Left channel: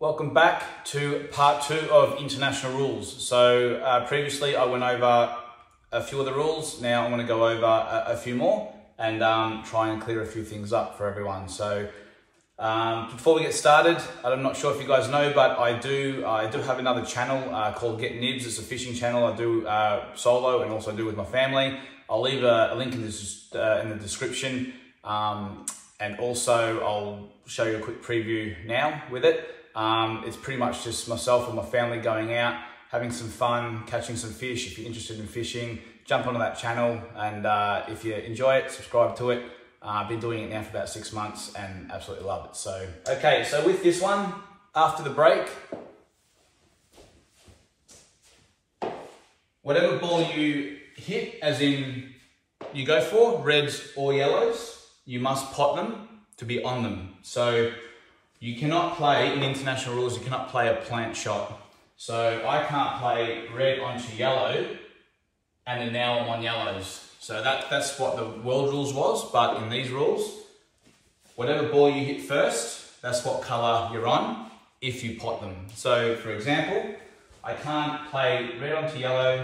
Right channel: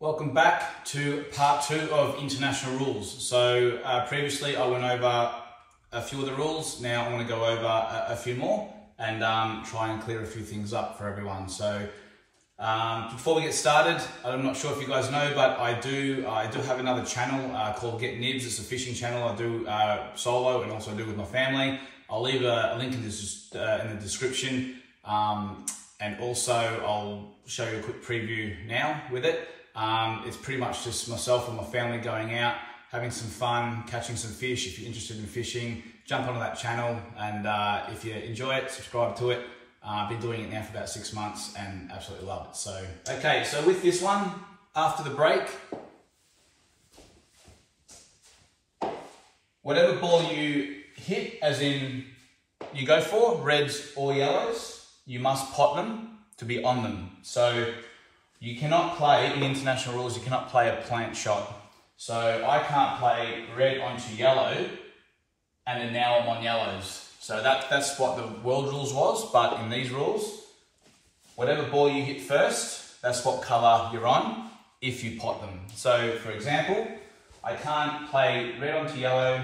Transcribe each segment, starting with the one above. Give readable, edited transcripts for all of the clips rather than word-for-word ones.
Welcome back to part 2 of international rules. So previously I went over a few of the rules. Now I'm going to go over a few more and try and clear a few things up for everyone. So before we get started, I'm not sure if you guys know, but I do have another channel called Get Nibs. It's a fishing channel. I do solo and also do with my family. I'll leave a link in the description, and also I'll show you a quick preview now with it. It's pretty much just myself and my family going out, having some fun, catching some fish. If you're interested in fishing, jump onto that channel, and if you enjoy it, subscribe to it. I've been doing it now for about 6 months and absolutely love it. So, okay, so with this one, after the break, whatever ball you hit, as in you go for, reds or yellows, you must pot them to be on them. So you cannot play, in international rules, you cannot play a plant shot. So I can't play red onto yellow and then now I'm on yellows. So that's what the world rules was, but in these rules, whatever ball you hit first, that's what colour you're on if you pot them. So for example, I can't play red onto yellow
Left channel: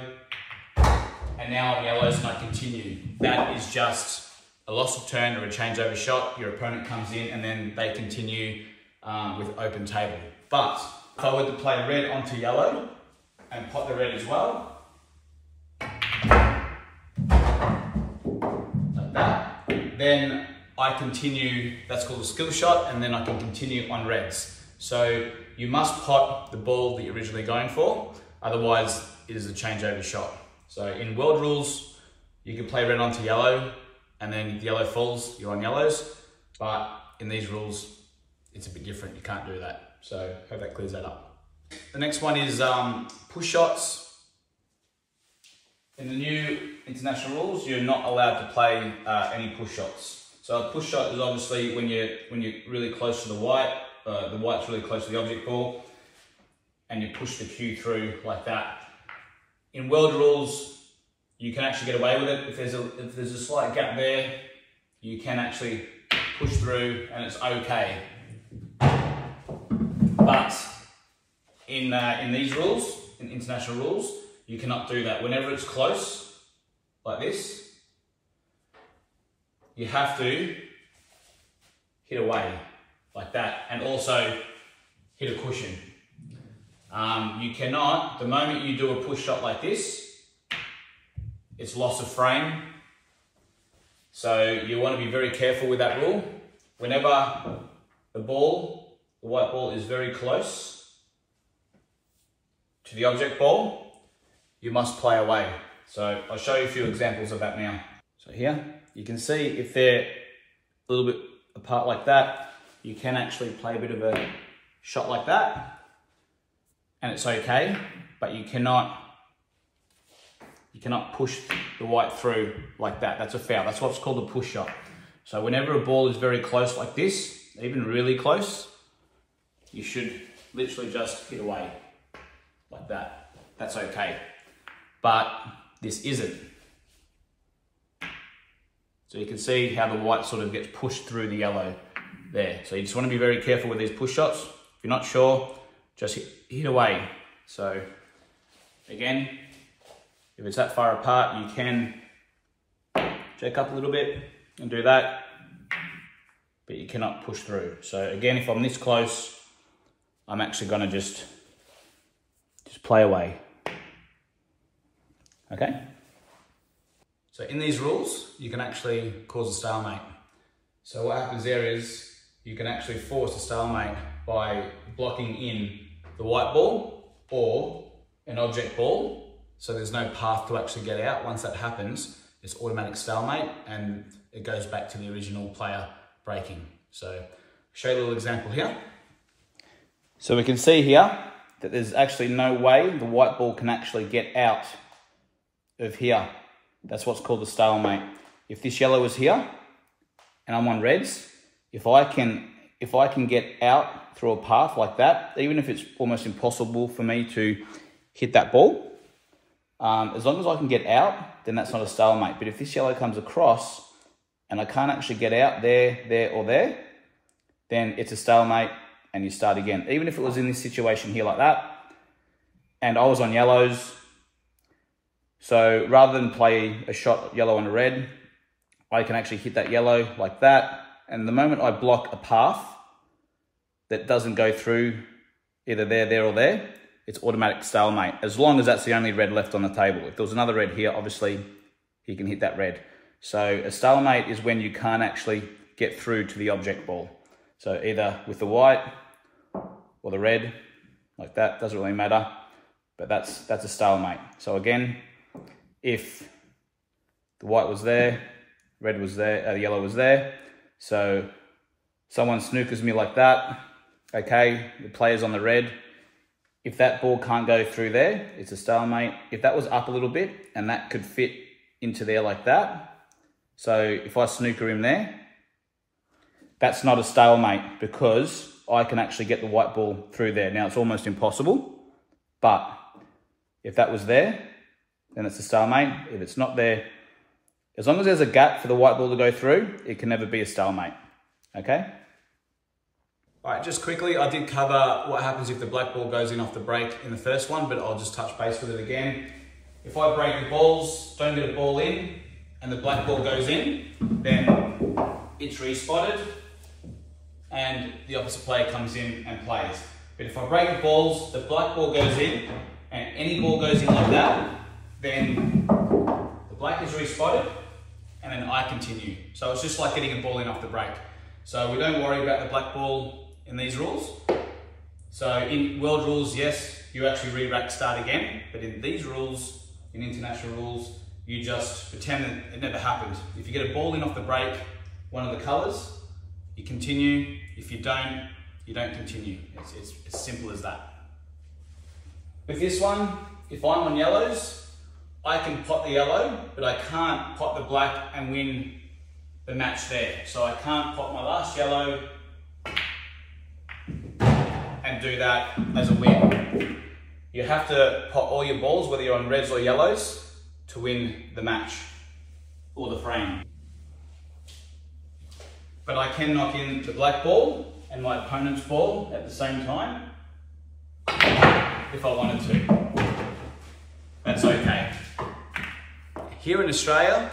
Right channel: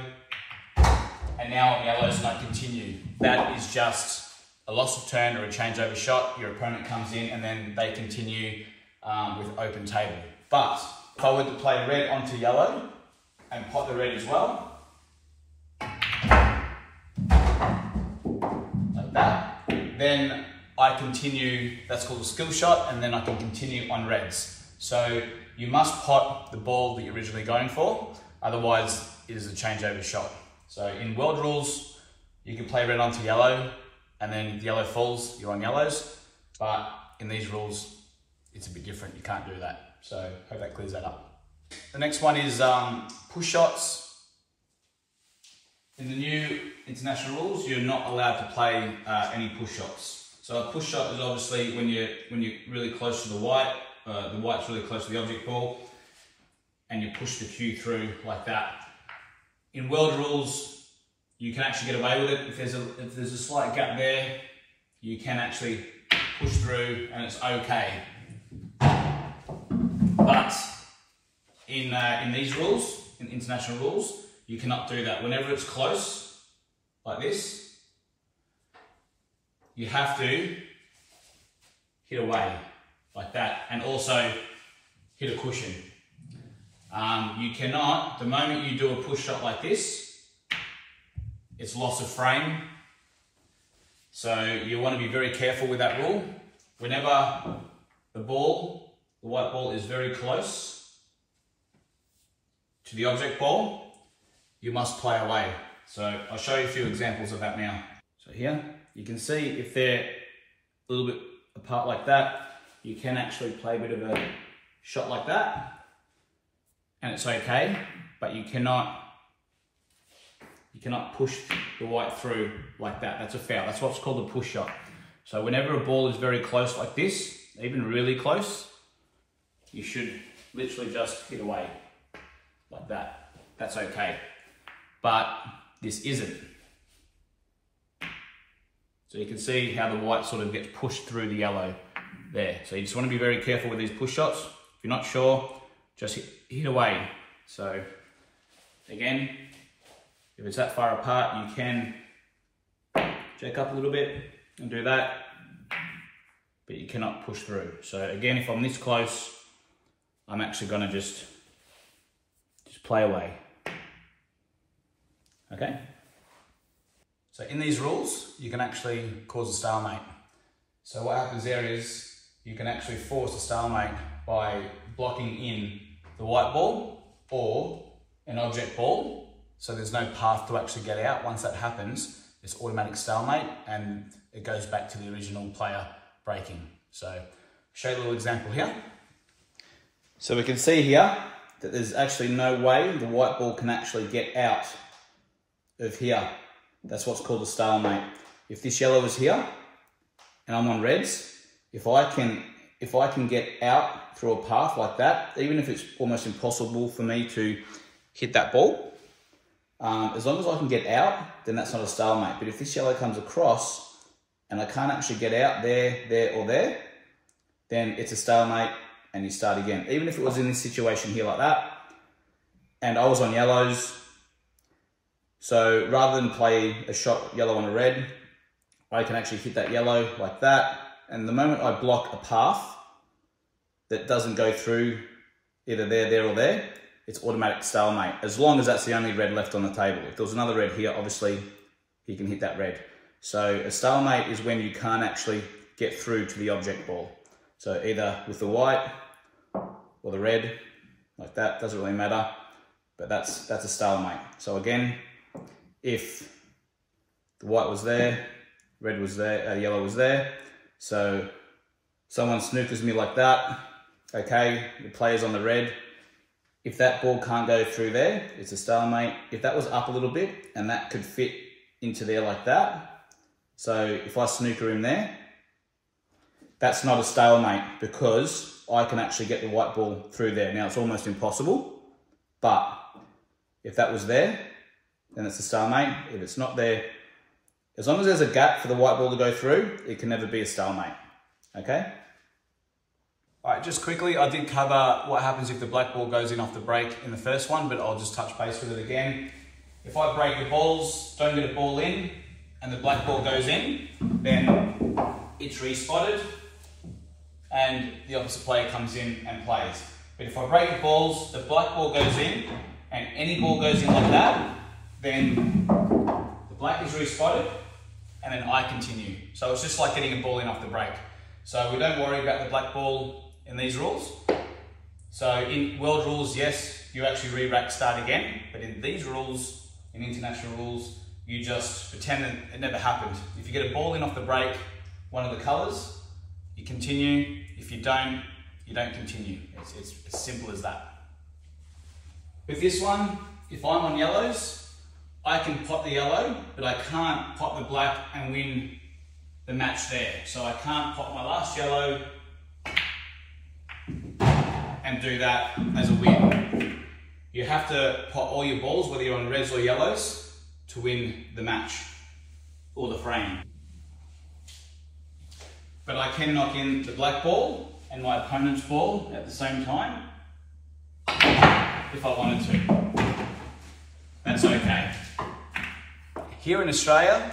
and now I'm yellows and I continue. That is just a loss of turn or a changeover shot. Your opponent comes in and then they continue with open table. But if I were to play red onto yellow and pot the red as well, like that, then I continue, that's called a skill shot, and then I can continue on reds. So you must pot the ball that you're originally going for, otherwise it is a changeover shot. So in world rules, you can play red onto yellow, and then if the yellow falls, you're on yellows. But in these rules, it's a bit different. You can't do that. So hope that clears that up. The next one is push shots. In the new international rules, you're not allowed to play any push shots. So a push shot is obviously when you're really close to the white's really close to the object ball, and you push the cue through like that. In world rules, you can actually get away with it. If there's a slight gap there, you can actually push through and it's okay. But in these rules, in international rules, you cannot do that. Whenever it's close, like this, you have to hit away, like that, and also hit a cushion. You cannot, the moment you do a push shot like this, it's loss of frame. So you want to be very careful with that rule. Whenever the white ball is very close to the object ball, you must play away. So I'll show you a few examples of that now. So here, you can see if they're a little bit apart like that, you can actually play a bit of a shot like that, and it's okay, but you cannot push the white through like that. That's a foul. That's what's called a push shot. So whenever a ball is very close like this, even really close, you should literally just hit away like that. That's okay. But this isn't. So you can see how the white sort of gets pushed through the yellow there. So you just want to be very careful with these push shots. If you're not sure, just hit away. So again, if it's that far apart, you can jack up a little bit and do that, but you cannot push through. So again, if I'm this close, I'm actually gonna just play away. Okay? So in these rules, you can actually cause a stalemate. So what happens there is you can actually force a stalemate by blocking in the white ball or an object ball. So there's no path to actually get out. Once that happens, it's automatic stalemate and it goes back to the original player breaking. So I'll show you a little example here. So we can see here that there's actually no way the white ball can actually get out of here. That's what's called a stalemate. If this yellow is here and I'm on reds, if I can get out through a path like that, even if it's almost impossible for me to hit that ball, as long as I can get out, then that's not a stalemate. But if this yellow comes across and I can't actually get out there, or there, then it's a stalemate and you start again. Even if it was in this situation here like that, and I was on yellows, so rather than play a shot yellow on a red, I can actually hit that yellow like that, and the moment I block a path that doesn't go through either there, or there, it's automatic stalemate, as long as that's the only red left on the table. If there was another red here, obviously, he can hit that red. So a stalemate is when you can't actually get through to the object ball. So either with the white or the red, like that, doesn't really matter, but that's a stalemate. So again, if the white was there, red was there, yellow was there, so someone snookers me like that, okay, the player's on the red. If that ball can't go through there, it's a stalemate. If that was up a little bit and that could fit into there like that, so if I snooker him there, that's not a stalemate because I can actually get the white ball through there. Now it's almost impossible, but if that was there, then it's a stalemate. If it's not there, as long as there's a gap for the white ball to go through, it can never be a stalemate, okay? All right, just quickly, I did cover what happens if the black ball goes in off the break in the first one, but I'll just touch base with it again. If I break the balls, don't get a ball in, and the black ball goes in, then it's respotted, and the opposite player comes in and plays. But if I break the balls, the black ball goes in, and any ball goes in like that, then the black is respotted, and then I continue. So it's just like getting a ball in off the break. So we don't worry about the black ball in these rules. So in world rules, yes, you actually re-rack start again, but in these rules, in international rules, you just pretend that it never happened. If you get a ball in off the break, one of the colours, you continue. If you don't continue. It's as simple as that. With this one, if I'm on yellows, I can pot the yellow, but I can't pot the black and win the match there. So I can't pot my last yellow and do that as a win. You have to pot all your balls, whether you're on reds or yellows, to win the match or the frame. But I can knock in the black ball and my opponent's ball at the same time if I wanted to. That's okay. Here in Australia,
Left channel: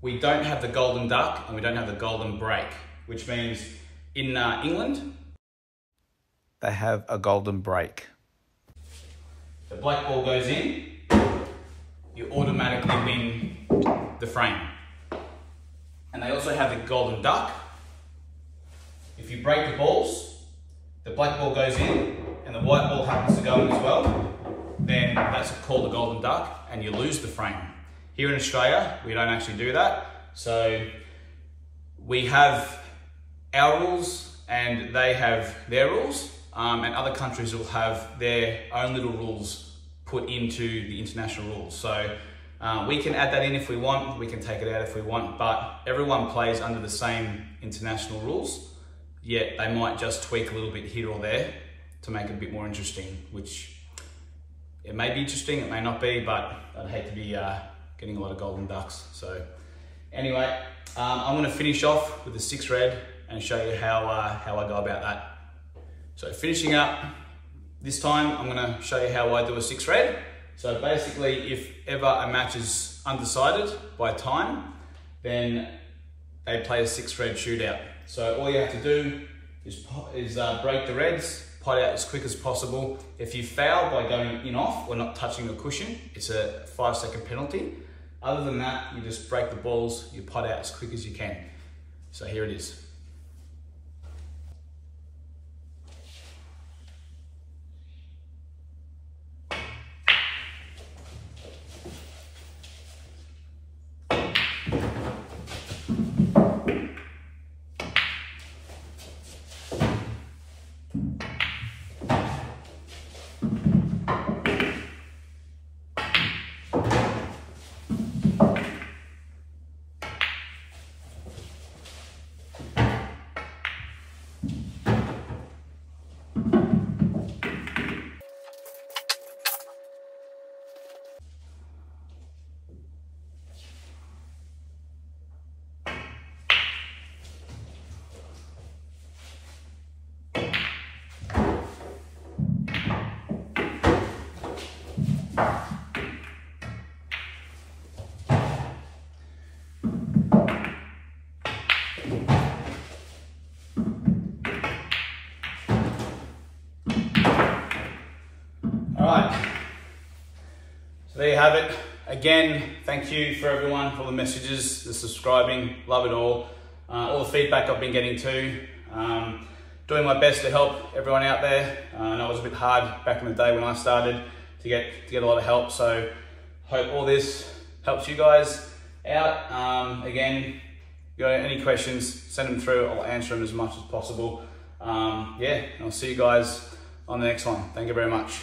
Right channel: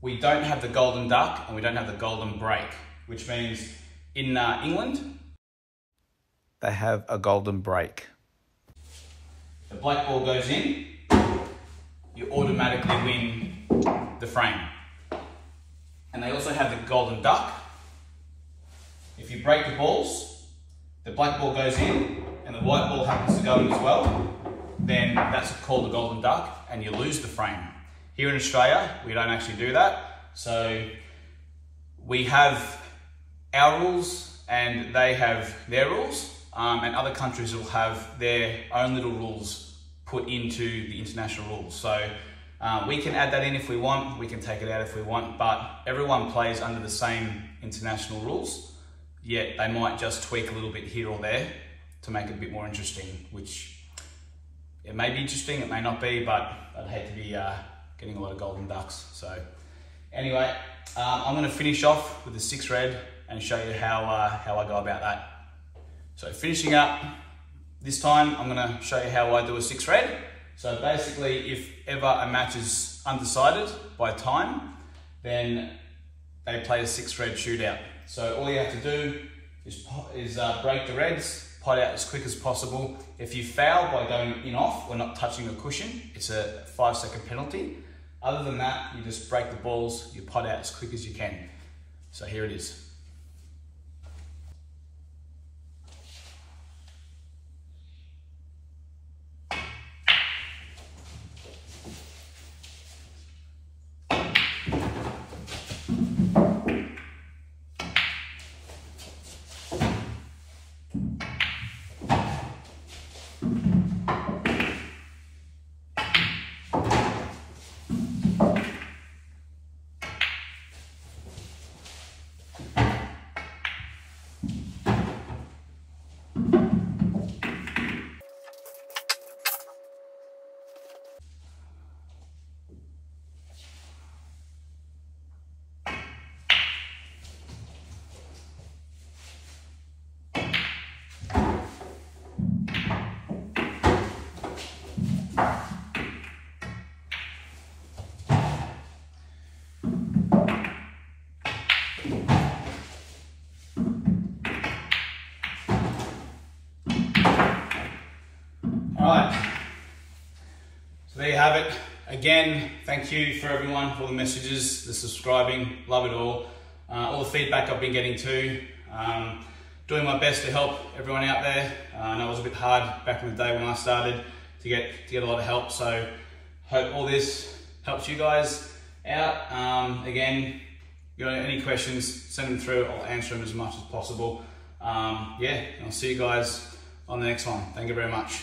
we don't have the golden duck and we don't have the golden break, which means in England, they have a golden break. The black ball goes in, you automatically win the frame. And they also have the golden duck. If you break the balls, the black ball goes in and the white ball happens to go in as well, then that's called the golden duck and you lose the frame. Here in Australia, we don't actually do that. So we have our rules and they have their rules, and other countries will have their own little rules put into the international rules. So we can add that in if we want, we can take it out if we want, but everyone plays under the same international rules, yet they might just tweak a little bit here or there to make it a bit more interesting, which it may be interesting, it may not be, but I'd hate to be getting a lot of golden ducks. So anyway, I'm going to finish off with the 6 red and show you how I go about that. So finishing up, this time I'm going to show you how I do a 6 red. So basically, if ever a match is undecided by time, then they play a 6 red shootout. So all you have to do is break the reds, pot out as quick as possible. If you foul by going in off or not touching the cushion, it's a 5-second penalty. Other than that, you just break the balls, you pot out as quick as you can. So here it is. Alright, so there you have it. Again, thank you for everyone, for the messages, the subscribing, love it all. All the feedback I've been getting too. Doing my best to help everyone out there. I know it was a bit hard back in the day when I started to get a lot of help, so hope all this helps you guys out. Again, if you got any questions, send them through. I'll answer them as much as possible. Yeah, I'll see you guys on the next one. Thank you very much.